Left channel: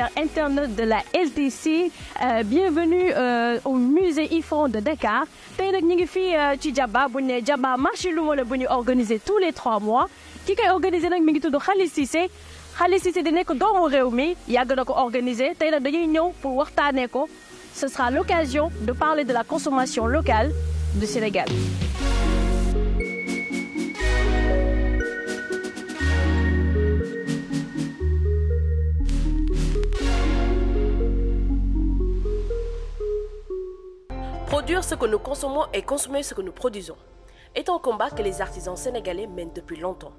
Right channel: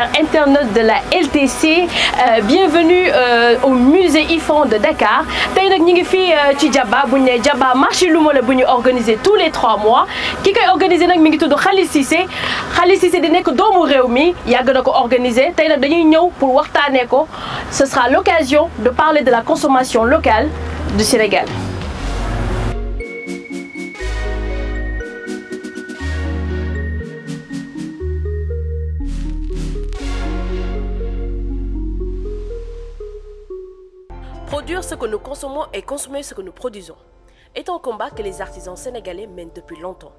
chers internautes de la LTC. Bienvenue au musée IFAN de Dakar. Tay nak ñi ngi fi ci Djaba bu ñu Djaba marché luuma la bu ñu organisé tous les 3 mois. Ki koy organisé nak mi ngi tudd Khalil Cissé. Khalil Cissé di nekk doomu réew mi yàgg na ko organisé. Tay nak dañuy ñëw pour waxtaanee ko. Ce sera l'occasion de parler de la consommation locale du Sénégal. Produire ce que nous consommons et consommer ce que nous produisons est un combat que les artisans sénégalais mènent depuis longtemps.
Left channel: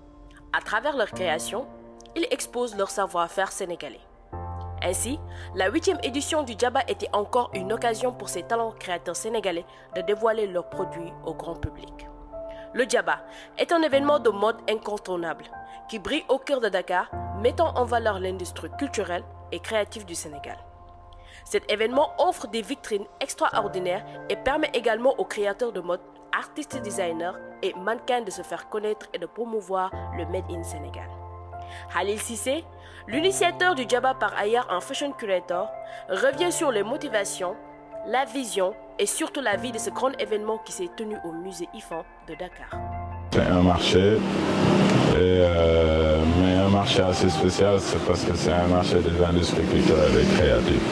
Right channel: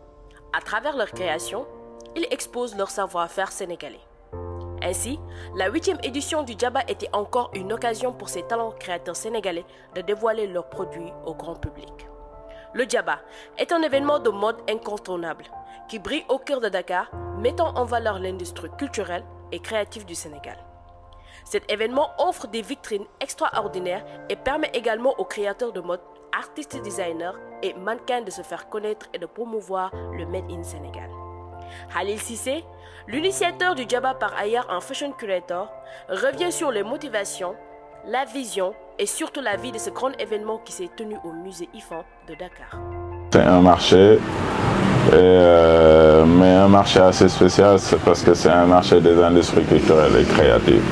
À travers leur création, ils exposent leur savoir-faire sénégalais. Ainsi, la 8e édition du Djaba était encore une occasion pour ces talents créateurs sénégalais de dévoiler leurs produits au grand public. Le Djaba est un événement de mode incontournable qui brille au cœur de Dakar, mettant en valeur l'industrie culturelle et créative du Sénégal. Cet événement offre des vitrines extraordinaires et permet également aux créateurs de mode, artistes et designers et mannequins de se faire connaître et de promouvoir le Made in Sénégal. Khalil Cissé, l'initiateur du Djaba par ailleurs un fashion curator, revient sur les motivations, la vision et surtout la vie de ce grand événement qui s'est tenu au musée IFAN de Dakar. C'est un marché, mais un marché assez spécial, c'est parce que c'est un marché des industries culturelles et créatives,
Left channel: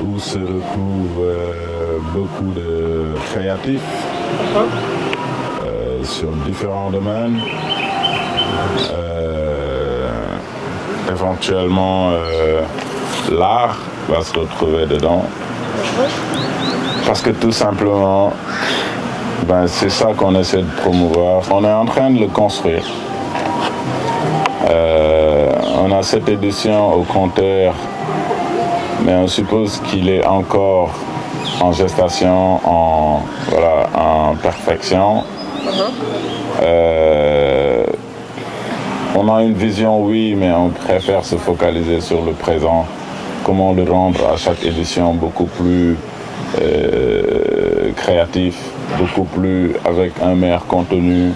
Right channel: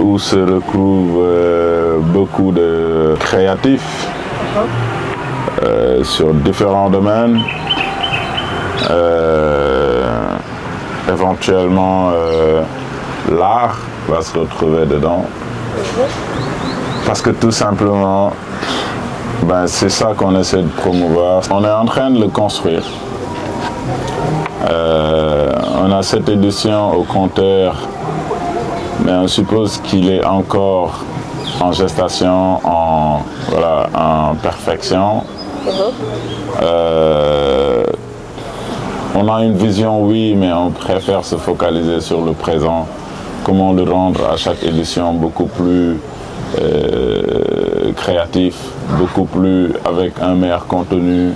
où se retrouvent beaucoup de créatifs sur différents domaines. Éventuellement, l'art va se retrouver dedans, parce que tout simplement, c'est ça qu'on essaie de promouvoir. On est en train de le construire. On a cette édition au compteur, mais on suppose qu'il est encore en gestation, en perfection. On a une vision, oui, mais on préfère se focaliser sur le présent. Comment le rendre à chaque édition beaucoup plus créatif, beaucoup plus avec un meilleur contenu.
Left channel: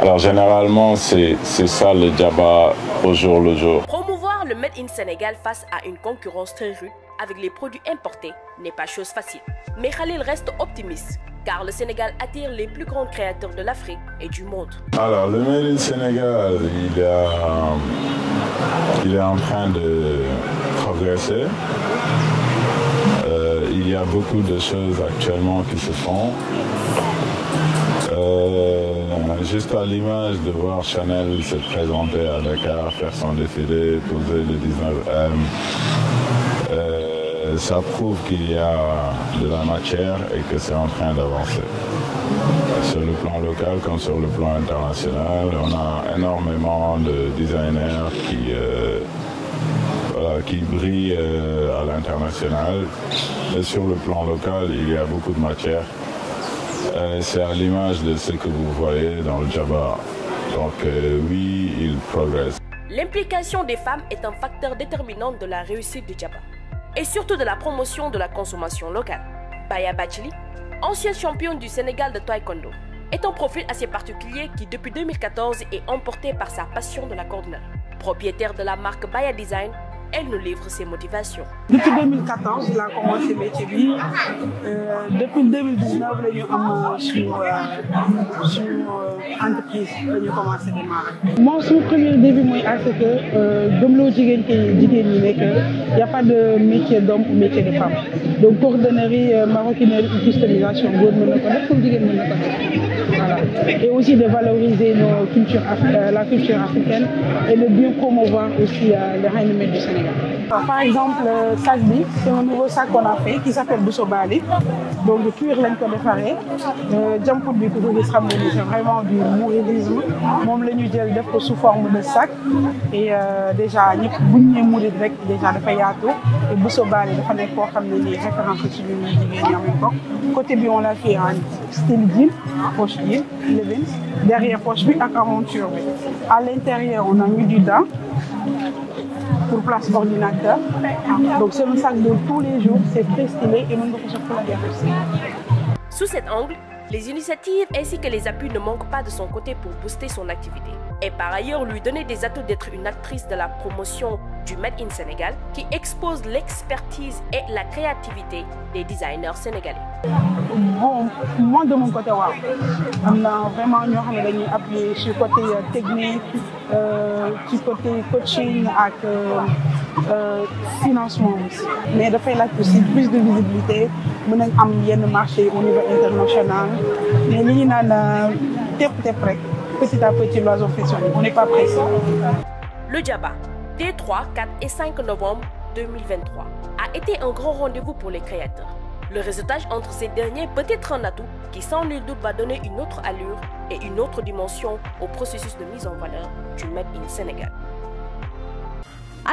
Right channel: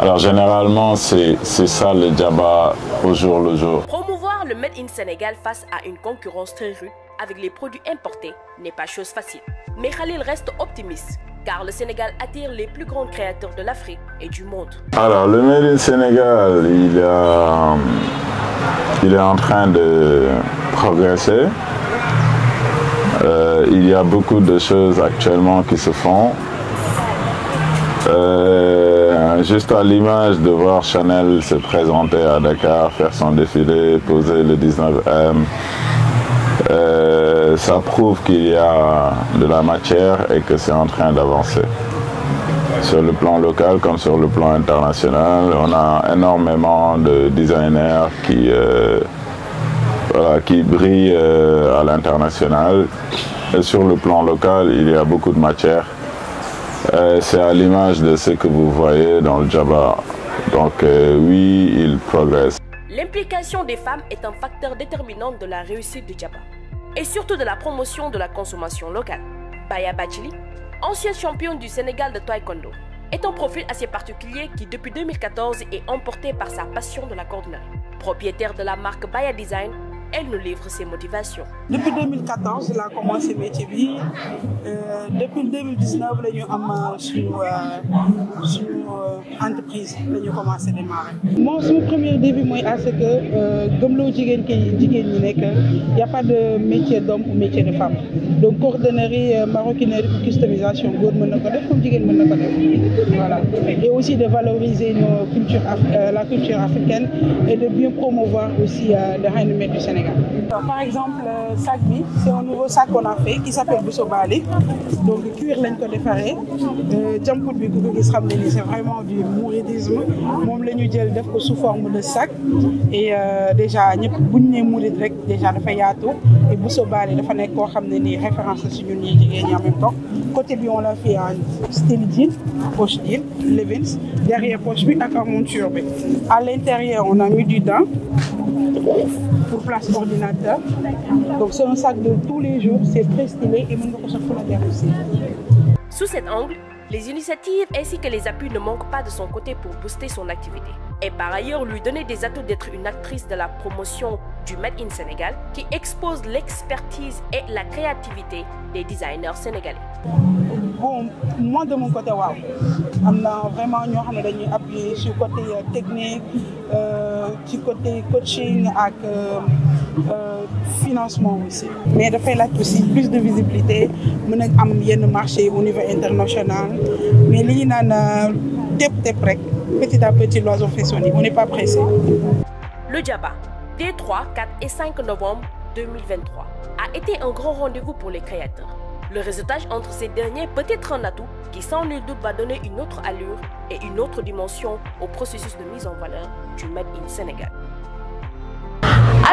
Alors généralement, c'est ça le Djaba au jour le jour. Promouvoir le Made in Sénégal face à une concurrence très rude avec les produits importés n'est pas chose facile. Mais Khalil reste optimiste, car le Sénégal attire les plus grands créateurs de l'Afrique et du monde. Alors le Made in Sénégal, il est en train de progresser. Il y a beaucoup de choses actuellement qui se font. Juste à l'image de voir Chanel se présenter à Dakar, faire son défilé, poser le 19M, ça prouve qu'il y a de la matière et que c'est en train d'avancer. Sur le plan local comme sur le plan international, on a énormément de designers qui brillent à l'international. Et sur le plan local, il y a beaucoup de matière. C'est à l'image de ce que vous voyez dans le Djaba. Donc oui, il progresse. L'implication des femmes est un facteur déterminant de la réussite du Djaba et surtout de la promotion de la consommation locale. Baya Bachili, ancienne championne du Sénégal de Taekwondo, est un profil assez particulier qui depuis 2014 est emporté par sa passion de la cordonnerie. Propriétaire de la marque Baya Design, elle nous livre ses motivations. Depuis 2014, j'ai commencé le métier. Depuis 2019, nous avons entreprise, nous avons commencé à démarrer. Mon premier début, c'est que il n'y a pas de métier d'homme ou métier de femme. Donc, cordonnerie, maroquinerie, customisation, et aussi de valoriser la culture africaine et de bien promouvoir aussi le rayonnement du Sénégal. Par exemple, le sac B, c'est un nouveau sac qu'on a fait qui s'appelle Boussobali. Donc, le cuir lañ ko defaree. Jàmput bi ku gis xam ne c'est vraiment du mouridisme. Moom la ñu jël def ko sous forme de sac. Et déjà ñëpp bu ñu nee mourid rek déjà dafa yaatu. Boussobali dafa nekk koo xam ne nii référence ci biir jigéen ñi am ko. Côté bi on l'a fait en style jean, poche liée, derrière poche bi ak monture bi. À l'intérieur, on a mis du daim pour place ordinateur. Donc c'est un sac de tous les jours, c'est très stylé et on peut la aussi. Sous cet angle, Les initiatives ainsi que les appuis ne manquent pas de son côté pour booster son activité. Et par ailleurs lui donner des atouts d'être une actrice de la promotion du Made in Sénégal qui expose l'expertise et la créativité des designers sénégalais. Bon, moi de mon côté, waaw am na vraiment ñoo xam ne dañuy appuyer ci côté technique ci côté coaching ak financement aussi. Mais dafay laaj aussi plus de visibilité mën a am yenn marché au niveau international mais li ñu naan tëb rek petit à petit l'oiseau fait son nid, on n'est pas pressé. Le Djaba, des 3, 4 et 5 novembre 2023, a été un grand rendez-vous pour les créateurs. Le réseautage entre ces derniers peut être un atout qui sans nul doute va donner une autre allure et une autre dimension au processus de mise en valeur du Made in Sénégal.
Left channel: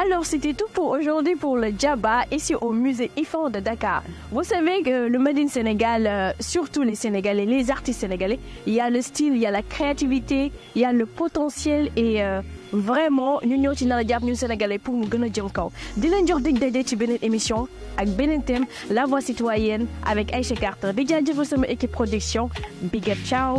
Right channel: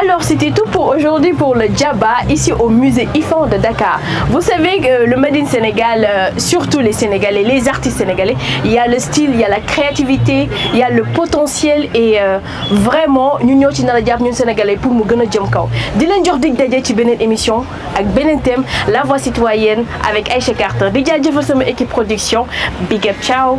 Alors c'était tout pour aujourd'hui pour le Djaba ici au musée IFAN de Dakar. Vous savez que le Made in Sénégal, surtout les Sénégalais, les artistes sénégalais, il y a le style, il y a la créativité, il y a le potentiel et vraiment nous ñoo ci nar a jàpp ñun Sénégalais pour mu gën a jëm kaw. Di leen jox dig daje ci beneen émission ak beneen thème la voix citoyenne avec Aïcha Carter. Di jaajëfal sama équipe production. Big up, ciao.